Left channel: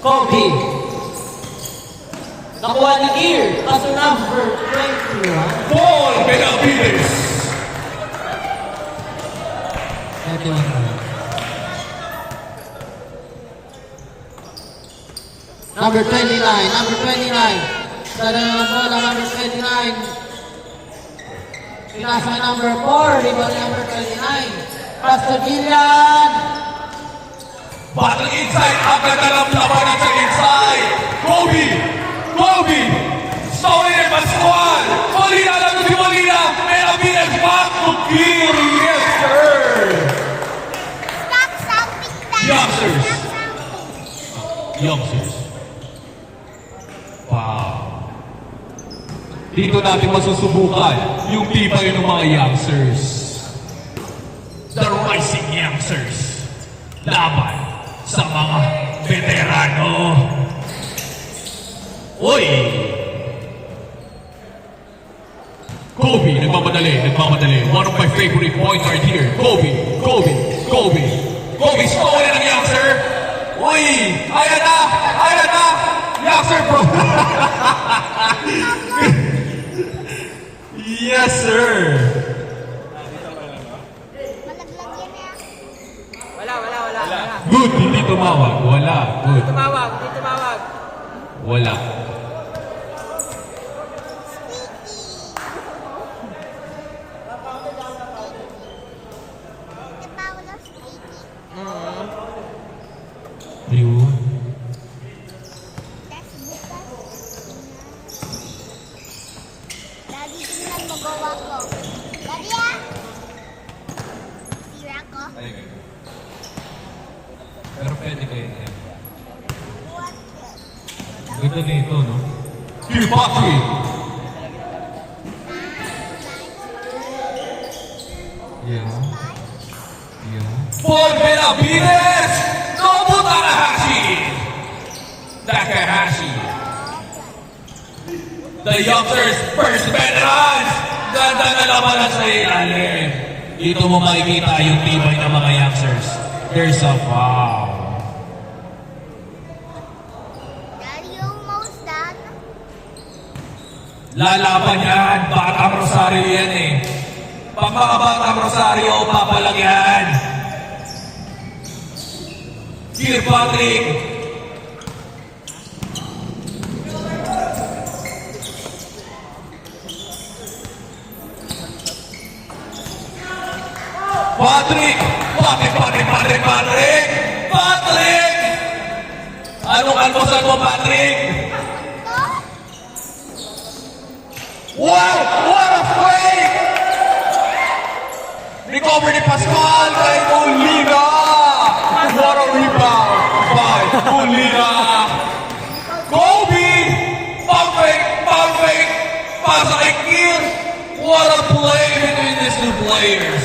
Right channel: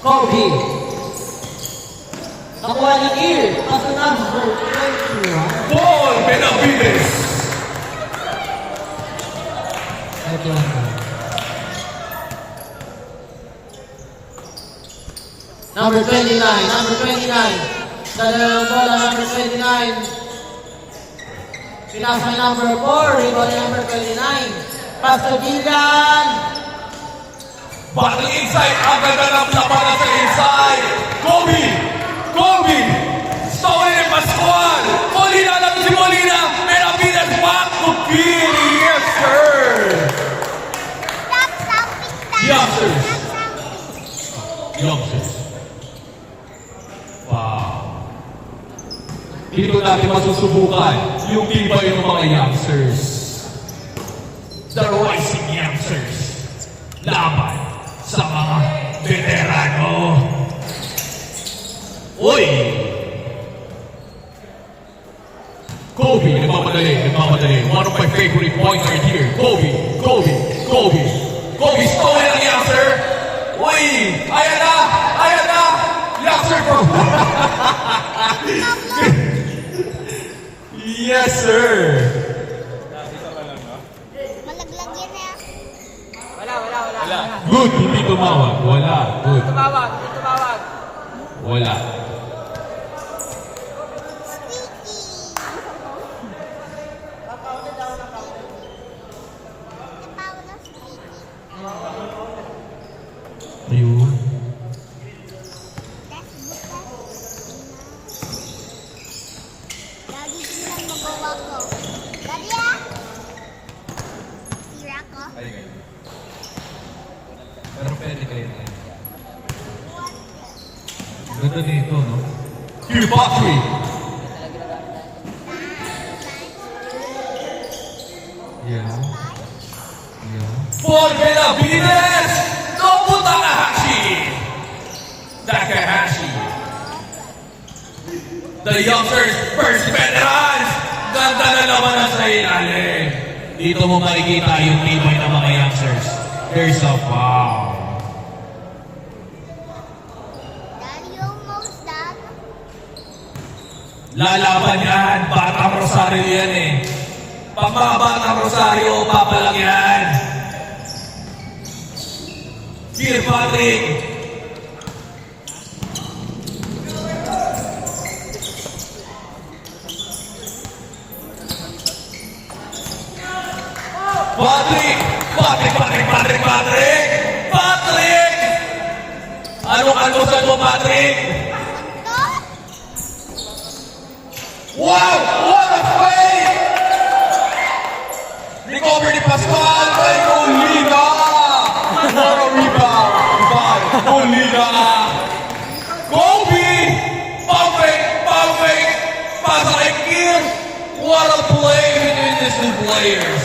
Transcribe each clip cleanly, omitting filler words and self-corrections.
Kobe. Nakuha ni Ear. Paso number 21. Paul Benavides. Number 29. Number 29. Dala ng bola, number 29. Pinasa number 4. Rebound number 29. Castodilian. Battle inside. Ang ganda ng labanan sa inside. Kobe. Kobe. Sauli de Pascual. Molina lang si Molina. Benavides back to Kiri. Yes, sir. Youngsters. Youngsters. Wow. Dito natin masusubukan yung tibay ng mga youngsters. The rising youngsters. Laban sa mga veterano. Uy! Kobe, nagmamadali. One of my favorite points right here. Kobe. Kobe, stolen ang youngster. Uy! Ayan na! Youngster bro! Yes, sir! Good, hindi tumawag. Wala. Good. Wala. Yun. Daddy, tingnan magawa ko. Daddy, ah! Tira ko. Pero pwede kayo na. Ganda nito, no? Here, Patrick! Yan. Paul Benavides! Nobu Takahashi! The youngsters, first veterans! Ganda na naman ang sa ilalim. Dito mo makikita yung tibay ng mga youngsters. There's a wow. Daddy, almost done. Lalaban yan. Batang Rosario yan eh. Pagmakabatang Rosario, papalang yan. Dear Patrick. Patrick! Anong almusal mo, Patrick? Wow! What a fake! Recover ni Pascual kay Molina! What a rebound by Molina! Kobe! Perfect! Pasa kay Kier! What a play between these two players!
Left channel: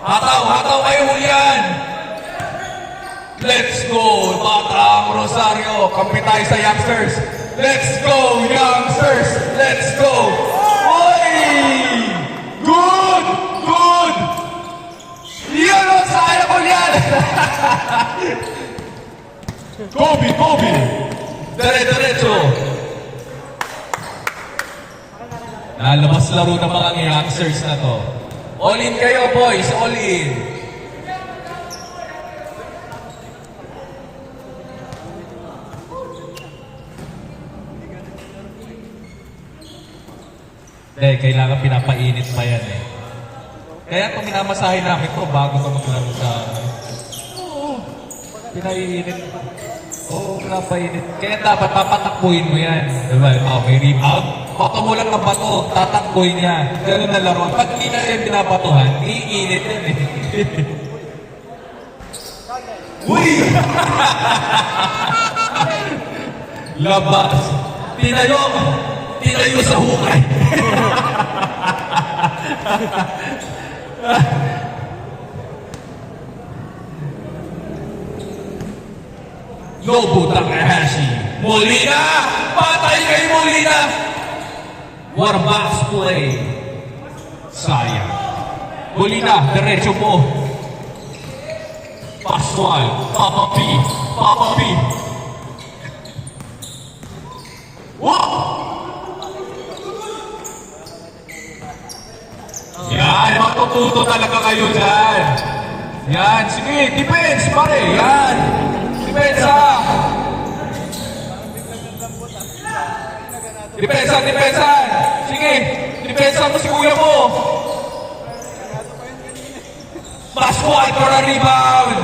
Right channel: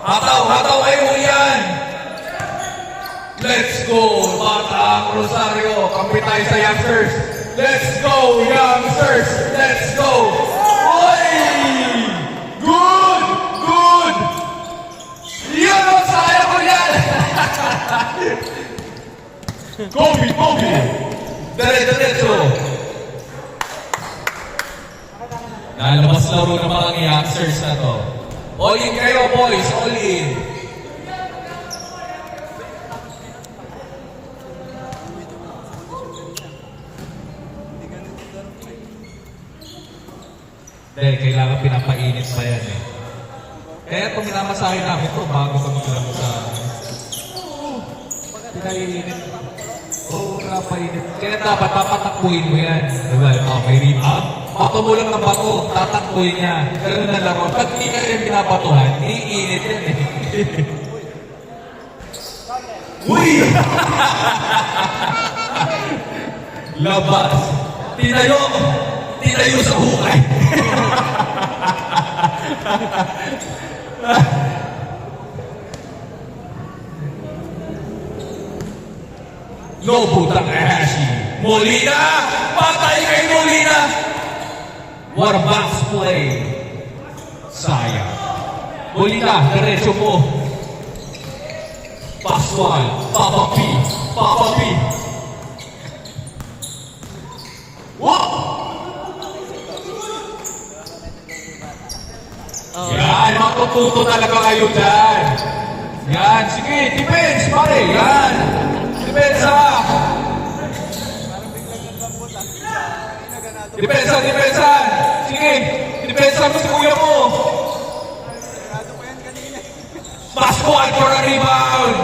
Hataw kayo yan! Let's go, Batang Rosario! Kampi tayo sa youngsters! Let's go, youngsters! Let's go! Oy! Good! Yun ang saya ko yan! Kobe! Diretso! Lalabas laro ng mga youngsters na to. All in kayo, boys. All in. Dahil kailangan pinapainit pa yan eh. Kaya itong minamasahin namin ito bago ka maglaro sa amin. Pinainit. Oo, pinapainit. Kaya dapat papatakbuhin mo yan. Diba? Okay, rebound. Bato mo lang ang bato, tatakboy niya. Ganun na lang. Pag hindi kayo binabatuhan, iinit yan eh. Uy! Labas. Tinayo sa hukay. Nobu Takahashi. Molina! Patay kay Molina! What a box play. Sayang. Molina, diretso po. Pascual, Papa P, Papa P. Wow! Yan, matututo talaga kayo dyan. Yan, sige, defense, pare, yan. Depensa. Depensa, depensa. Sige, depensa mo si kuya mo. Pascual for a rebound.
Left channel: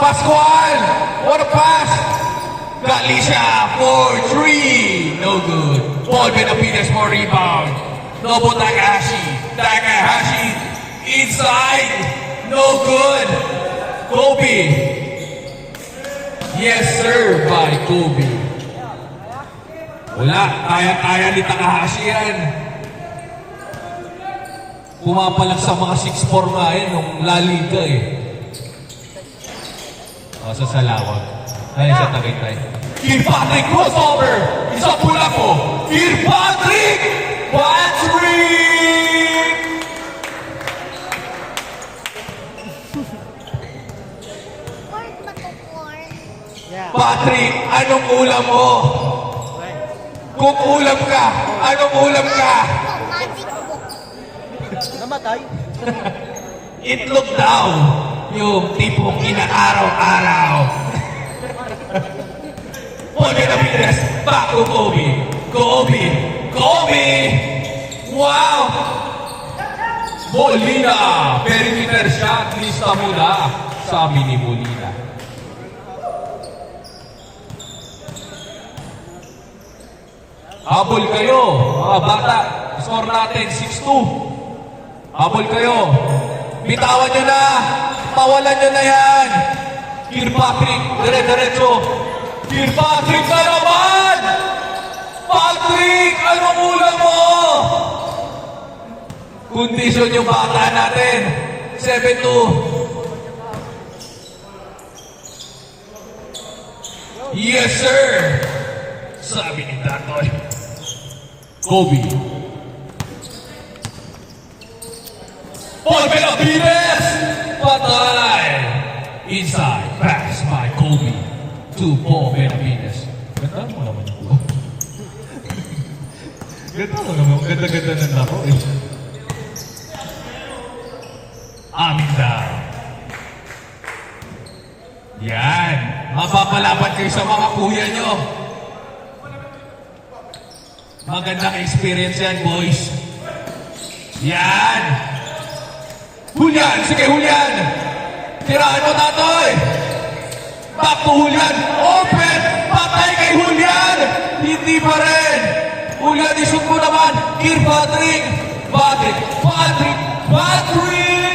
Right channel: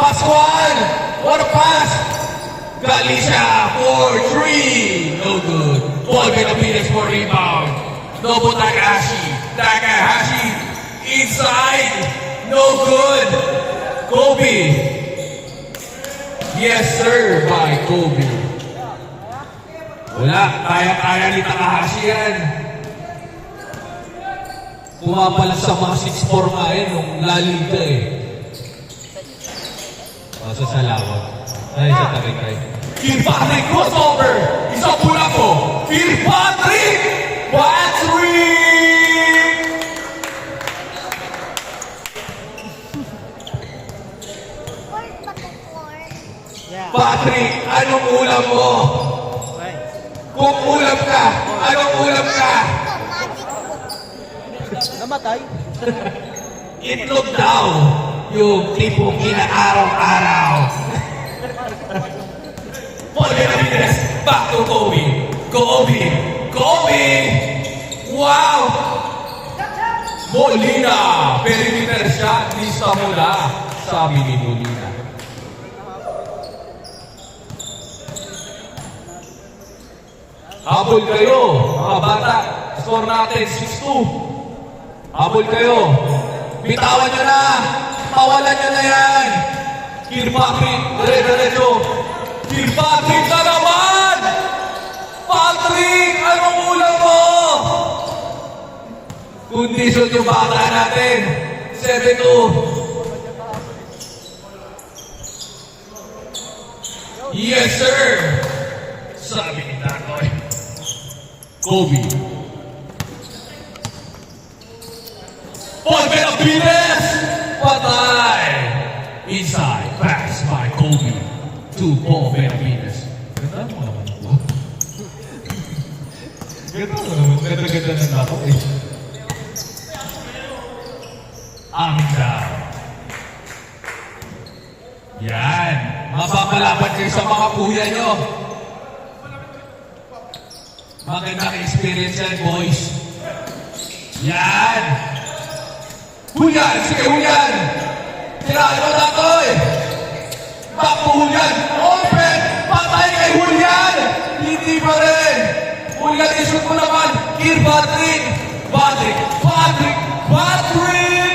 Pascual, what a pass. Galicia for 3. No good. Paul Benavides for rebound. Nobu Takahashi. Takahashi inside. No good. Kobe. Yes, sir, by Kobe. Wala. Kaya-kaya ni Takahashi yan. Pumapalag sa mga 6'4 nga yan nung La Liga eh. Sa Salawag. Dahil sa Tagaytay. Patrick crossover! Isang pula ko! Patrick! Patrick! Corn ba to corn? Yeah. Patrick, anong ulam mo? Kung ulam ka, anong ulam ka? Magic book. Namatay? Itlog daw. Yung tipong inaaraw-araw. Paul Benavides, back to Kobe. Kobe! Kobe! Wow! Molina! Perimeter shot, lista muna. Sabi ni Molina. Habol kayo, mga bata. Score natin, 6-2. Habol kayo. Bitawan nyo na. Pawalan nyo na yan. Patrick, dire-diretso. Patrick na naman! Patrick, anong ulam mo? Kondisyon yung bata natin. 7-2. Yes, sir! Sabi ni Tatoy. Kobe. Paul Benavides! Patay! Inside, pass by Kobe to Paul Benavides. Ganda mo naman ito. Ganda mo naman. Ganda-ganda ng laro eh. Amin daw. Yan. Mapapalaban kayo sa mga kuya nyo. Magandang experience yan, boys. Yan. Julian! Sige, Julian! Tiraan mo, Tatoy! Back to Julian! Open! Patay kay Julian! Hindi pa rin! Julian, isut mo naman! Patrick! Patrick! Patrick! Patrick!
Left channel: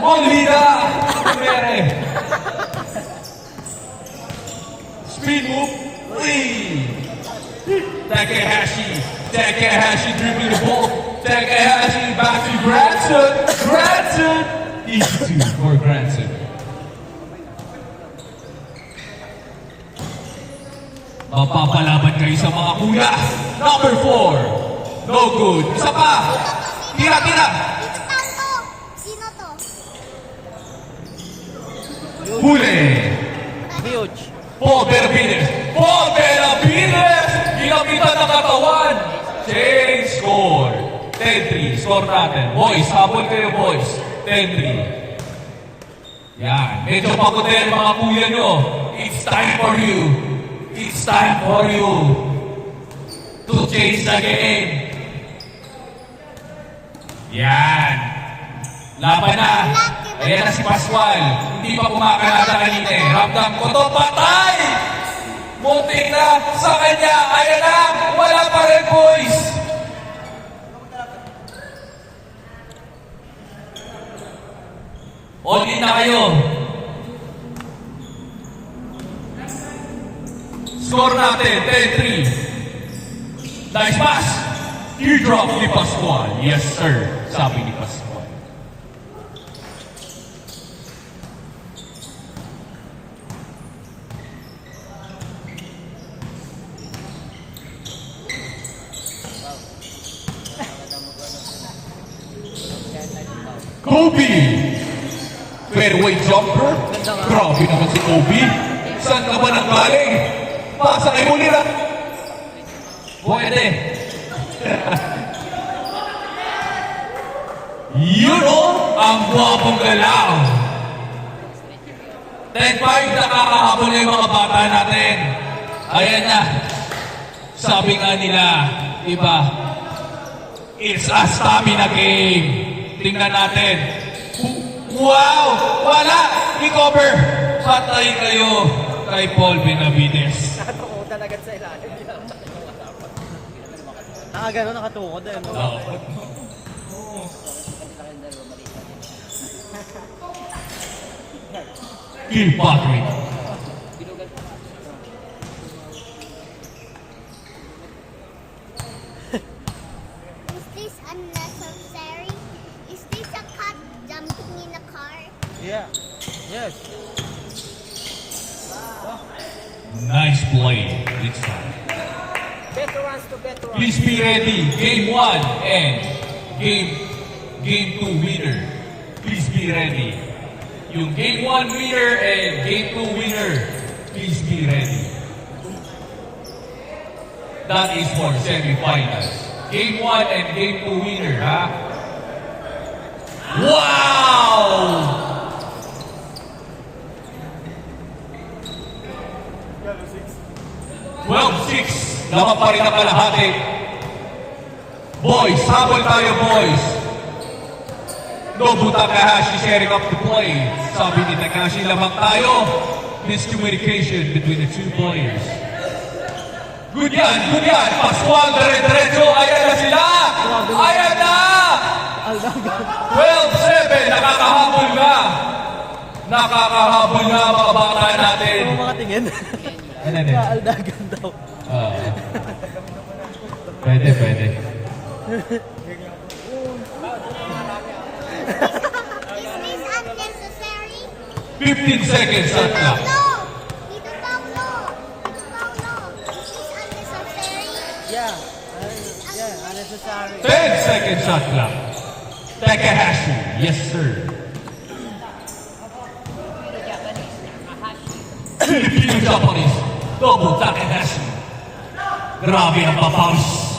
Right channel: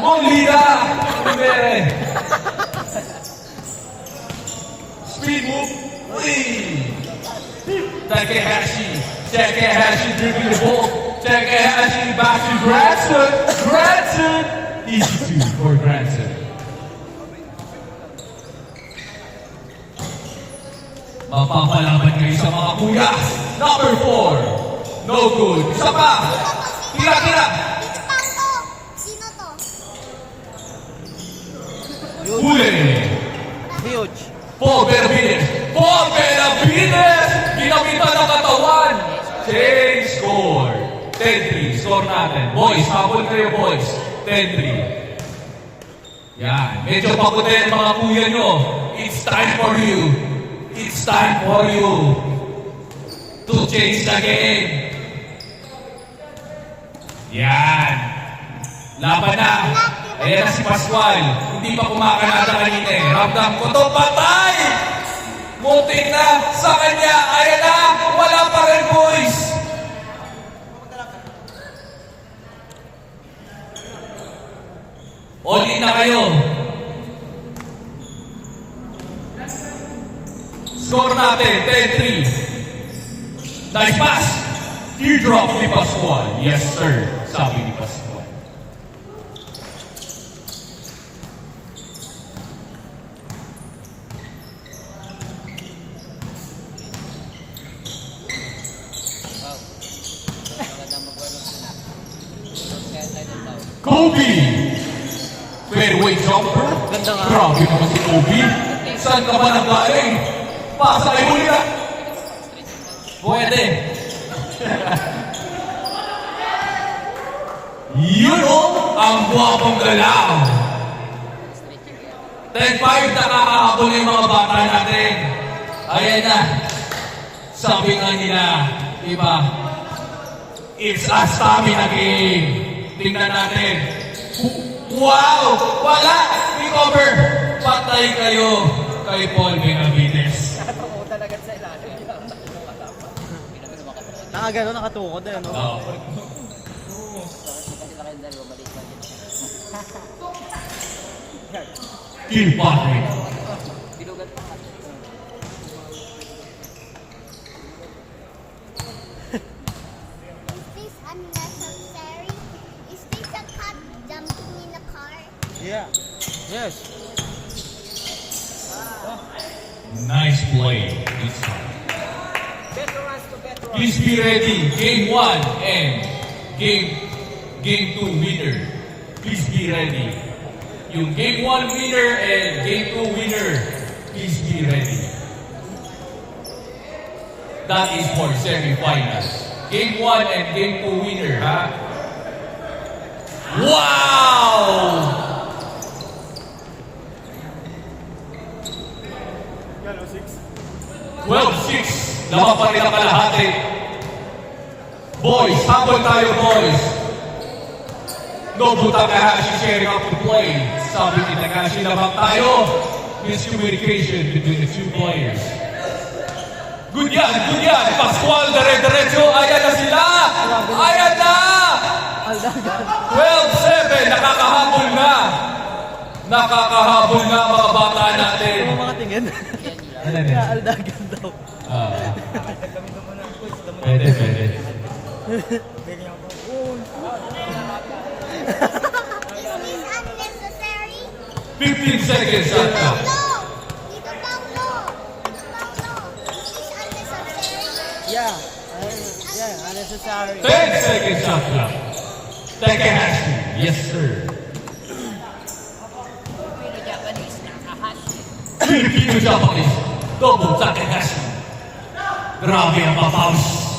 Molina! Okay. Speed move! Takahashi! Takahashi dribbling the ball! Takahashi back to Granson! Granson! Easy 2 for Granson. Mapapalaban kayo sa mga kuya. Number 4. No good. Isa pa. Tira, tira. Tanto! Sino to? Huli. Huge. Paul Benavides. Paul Benavides! Ginamitan ng katawan. Change score. 10-3. Score natin. Boys, habol kayo, boys. 10-3. Yan. Medyo paputin mga kuya nyo. It's time for you. It's time for you to change the game. Yan. Laban na. Ayan na si Pascual. Hindi pa kumakanada kanina eh. Ramdam ko to, patay! Muntik na sa kanya. Ayan na. Wala pa rin, boys. All in na kayo. Score natin, 10-3. Nice pass. Teardrop ni Pascual. Yes, sir. Sabi ni Pascual. Kobe! Fairway jumper? Grabe naman si Kobe. Saan ka ba nanggaling? Pasa kay Molina. Pwede. Yun o, ang guwapong galaw. 10-5, nakakahabol na yung mga bata natin. Ayan na. Sabi nga nila, iba, it's a stamina game. Tingnan natin. Wow! Wala! I-cover! Patay kayo kay Paul Benavides. Nakagano, nakatukod eh, no? No. Kilpatrick. Is this unnecessary? Is this a cat jumping in a car? Yeah. Yes. Nice play this time. Please be ready. Game 1 and game 2 winner. Please be ready. Yung game 1 winner and game 2 winner. Please be ready. That is for semifinals. Game 1 and game 2 winner, ha? Wow! 12-6. Laban pa rin ang kalahati. Boys, sabol tayo, boys. Nobu Takahashi sharing up the play. Sabi ni Takahashi, lamang tayo. Miscommunication between the two players. Good yan, good yan. Pascual, dire-diretso. Ayan na sila. Ayan na. 12-7. Nakakahabol na. Nakakahabol na mga bata natin. Ano mga tingin? Ano na? Aldagan daw. Pwede, pwede. Is this unnecessary? 15 seconds left na. Paulo! Dito, Paulo! Dito, Paulo! Is this unnecessary? Yeah. Yeah, unnecessary. 10 seconds shot clock. Takahashi, yes sir. Filipino-Japanese, Nobu Takahashi. Grabe ang papaus.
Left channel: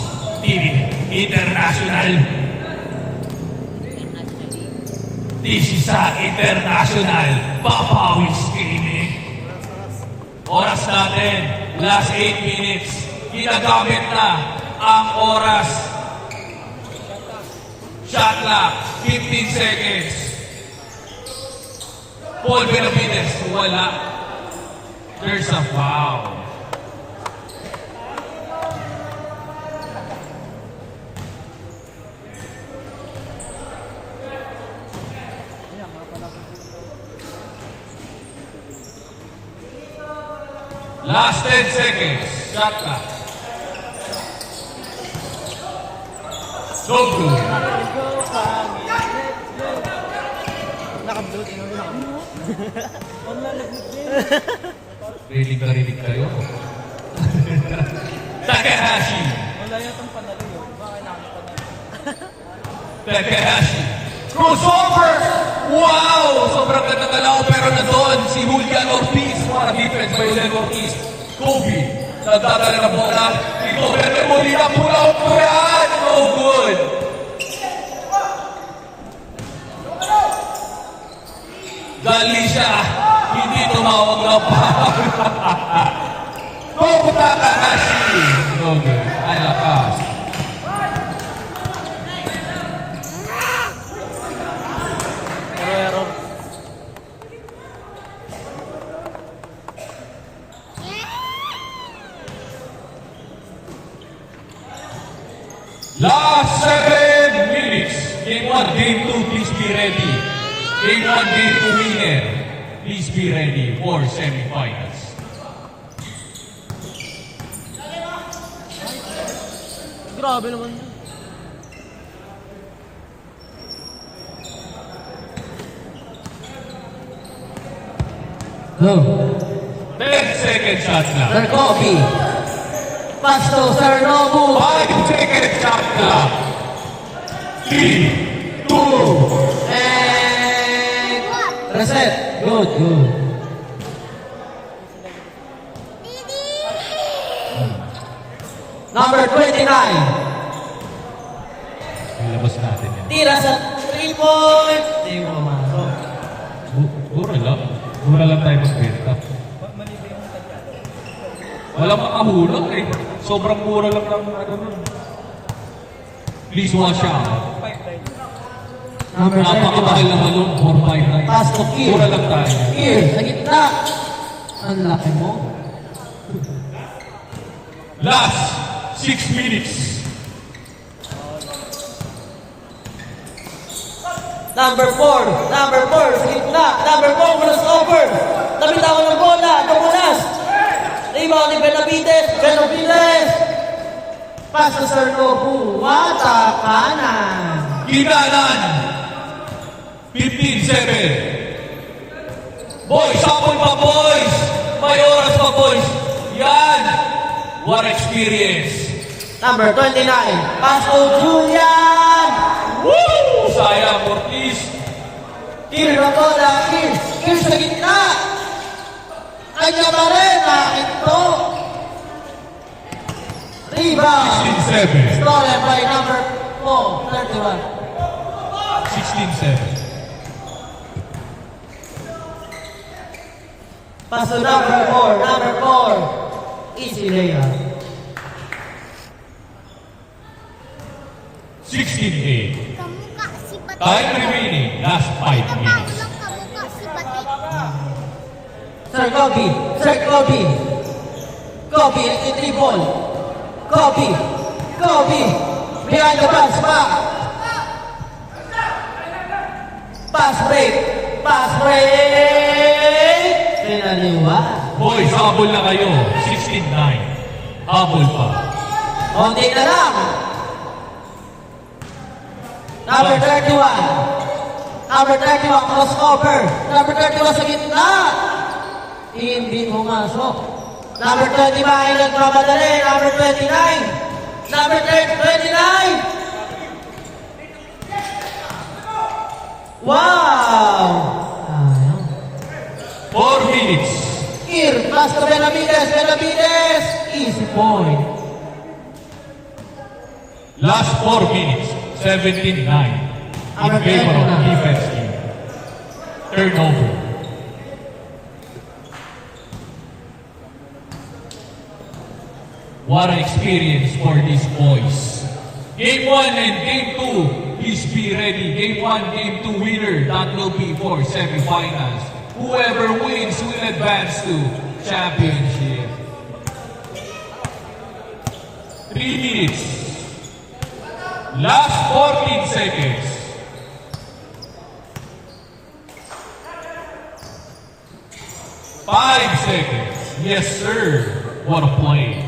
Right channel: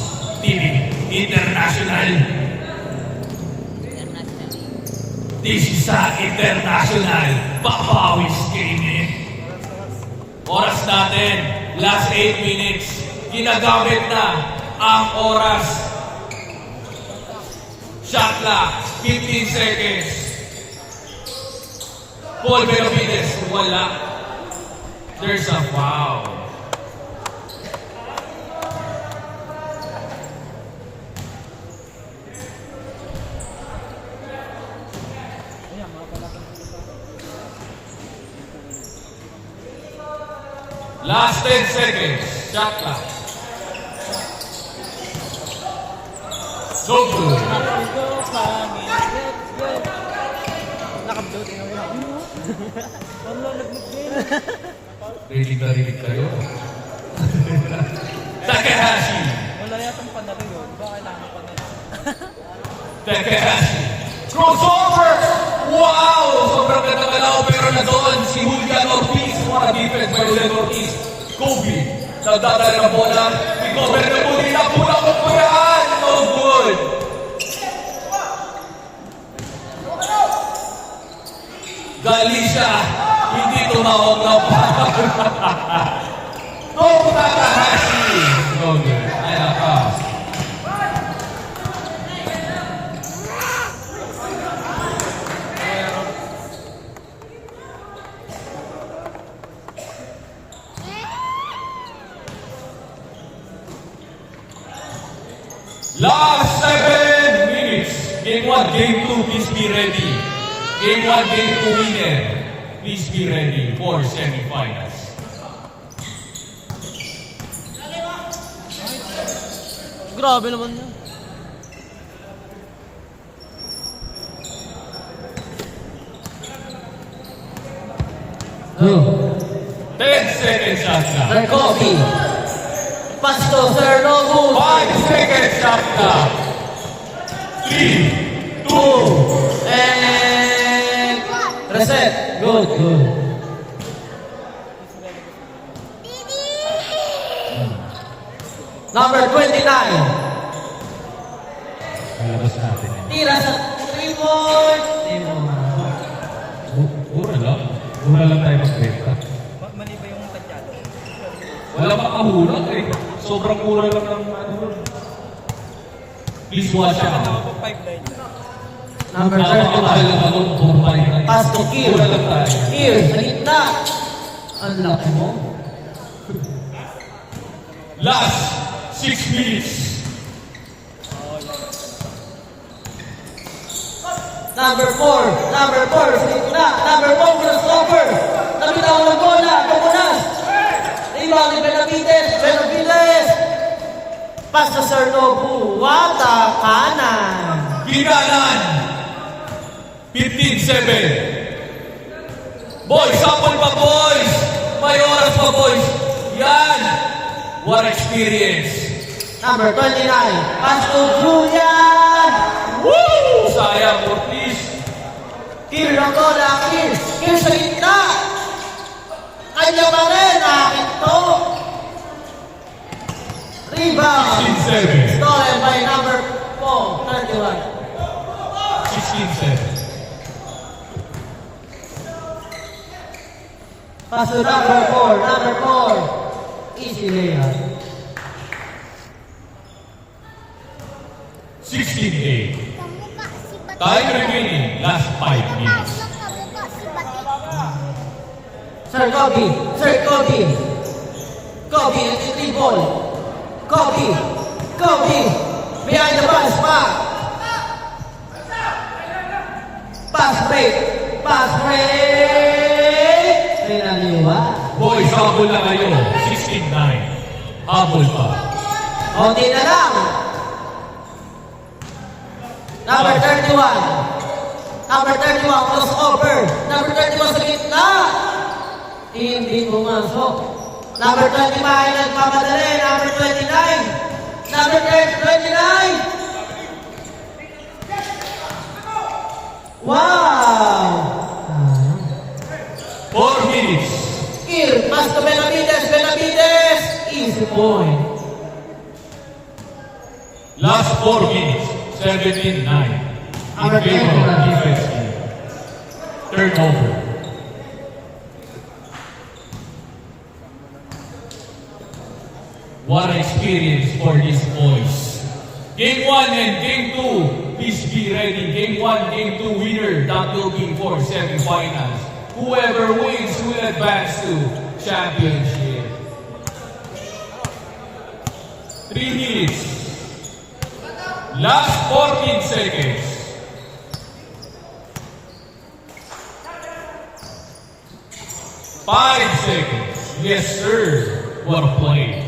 TV International. This is a international papawis gaming. Oras natin, last 8 minutes. Ginagamit na ang oras. Shot clock, 15 seconds. Paul Benavides, wala. There's a foul. Last 10 seconds. Shot clock. So good. Nakabloat na rin. Ang lalaglag din. Ready ba rin kayo? Takahashi. Wala yatang panalo yun. Baka kailangan ko na. Takahashi. Crossover! Wow! Sobrang nagkakalaw pero na doon si Julian Ortiz. Mga defense by Julian Ortiz. Kobe. Nagdadala na bola. Ito, pero Molina pula o kuraan. No good. Galing siya. Hindi tumawag na pa. Nobu Takahashi. No good. Ano ka? Last 7 minutes. Game 1, Game 2, please be ready. Game 1, Game 2 winner. Please be ready for semifinals. Grabe naman yun. Two. 10 seconds shot clock. Sir Kobe. Pasto, Sir Nobu. 5 seconds shot clock. 3, 2, And Reset. Good, good. Didi! Number 29. Malabas natin. Tira sa 3 point. Hindi mo pumasok. Mura lang. Mura lang tayo mag-kwenta. Wala makahulang eh. Sobrang mura lang ang ano. Please watch out. Number 31. Napakatagal ng balon. 4-5. Pass to Kier. Mura lang tayo. Kier, sa gitna. Ang laki mo. Last 6 minutes. Number 4. Number 4. Sa gitna. Number 4. Cross over. Nabitawan ng bola. Tumunas. Rebound ni Benavides. Benavides. Pass sa Sir Nobu. Wata kanan. Ginanan. 15-7. Boys, sapon pa boys. May oras pa boys. Yan. What experience. Number 29. Pass to Julian. Woo! Sayang, Ortiz. Kier ng bola. Kier. Kier sa gitna. Kanya pa rin. Akin to. Rebound. 16-7. Stolen by number 4. 31. 16-7. Pass to number 4. Number 4. Easy layup. 16-8. Kamukha si Batik. Time remaining. Last 5 minutes. Kapag kamukha si Batik. Sir Kobe. Sir Kobe. Kobe into the ball. Kobe. Kobe. Behind the pass back. Pass break. Pass break. Pinaniwa. Boys, habol na kayo. 16-9. Habol pa. Konti na lang. Number 31. Number 31, crossover. Number 31 sa gitna. Hindi pumasok. Number 25, nagmamadali. Number 29. Number 29. Wow! 4 minutes. Here, pass to Benavides. Benavides. Easy point. Last 4 minutes. 17-9. In favor of defense team. Turnover. What an experience for these boys. Game 1 and Game 2, please be ready. Game 1, Game 2 winner, that will be for semifinals. Whoever wins will advance to championship. 3 minutes. Last 14 seconds. Five seconds. Yes, sir. What a play.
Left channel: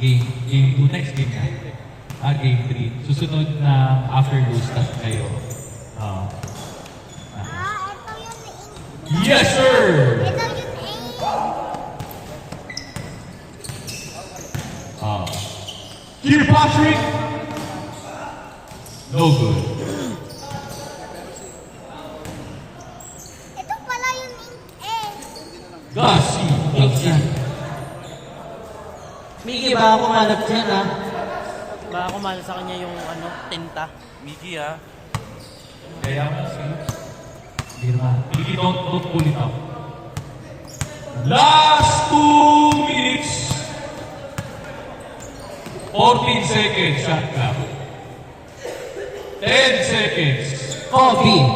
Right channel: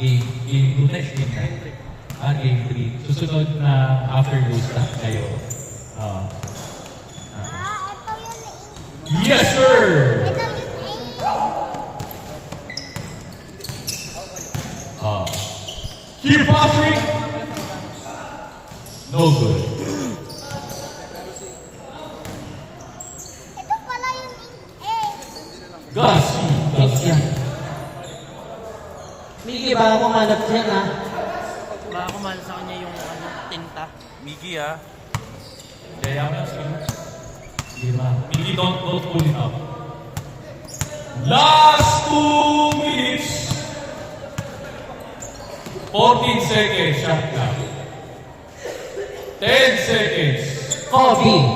Game 2 next game na. Game 3. Susunod na after those stuff kayo. Yes, sir. Here, Patrick. No good. Ito pala yung Garcia. Miki, baka kumalap dyan, ha? Baka kumala sa kanya yung ano, tinta. Miggy ah. Kaya mo lang sa'yo. Hindi naman. Hindi, don't pull it up. Last 2 minutes. 14 seconds, shot clock. 10 seconds. Kobe.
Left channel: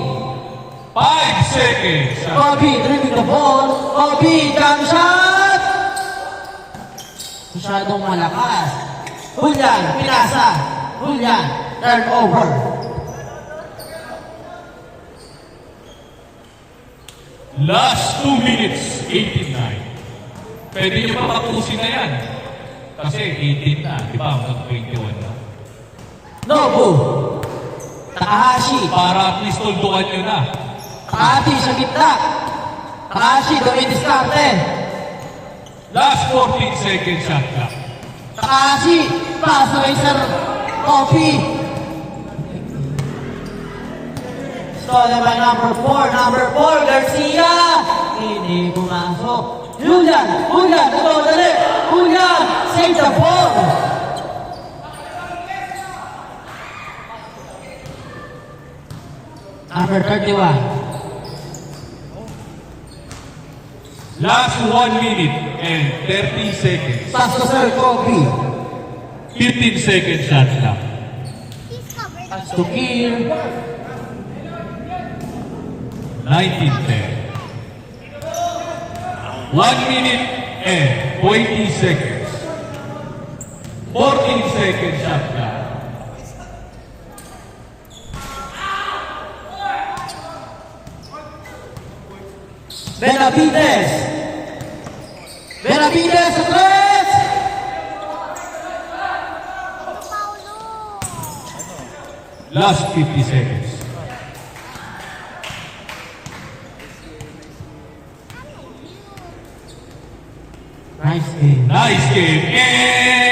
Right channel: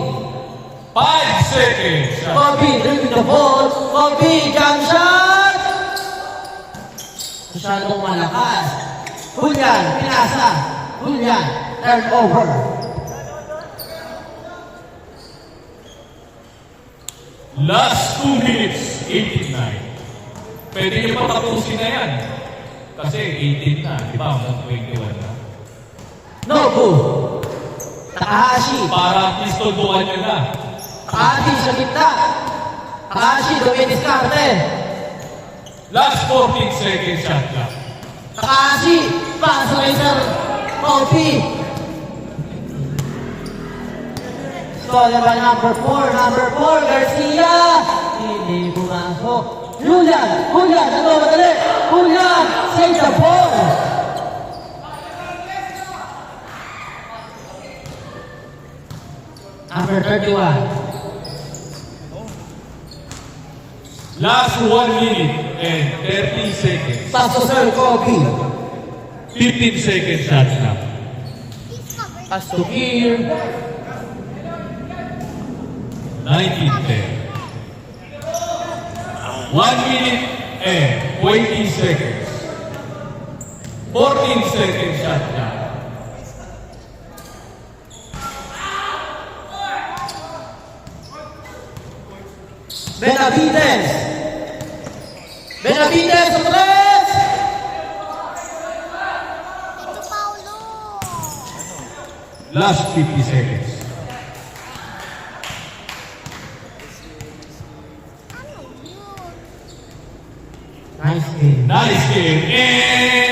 5 seconds, shot clock. Kobe, dribbling the ball. Kobe, jump shot! Masyadong malakas. Julian, pinasa. Julian, turnover. Last 2 minutes, 89. Pwede niyo patapusin na yan. Kasi 18 na, di ba? Hanggang 21 na. Nobu. Takahashi. Para at least tulbukan nyo na. Takahashi sa gitna. Takahashi, dumidiskarte. Last 14 seconds, shot clock. Takahashi, pass kay Sir Coffee. Bola ba number 4, Garcia. Hindi pumasok. Julian, nagawali. Julian, save the ball. Number 31. Last 1 minute and 30 seconds. Pass to Sir Kobe. 15 second shot lang. He's covered. Pass to Kier. 19-10. 1 minute and 20 seconds. 14 second shot lang. Benavides. Benavides, Flores. Ito Paulo. Last 50 seconds. Ano yun? Nice game. Nice game. And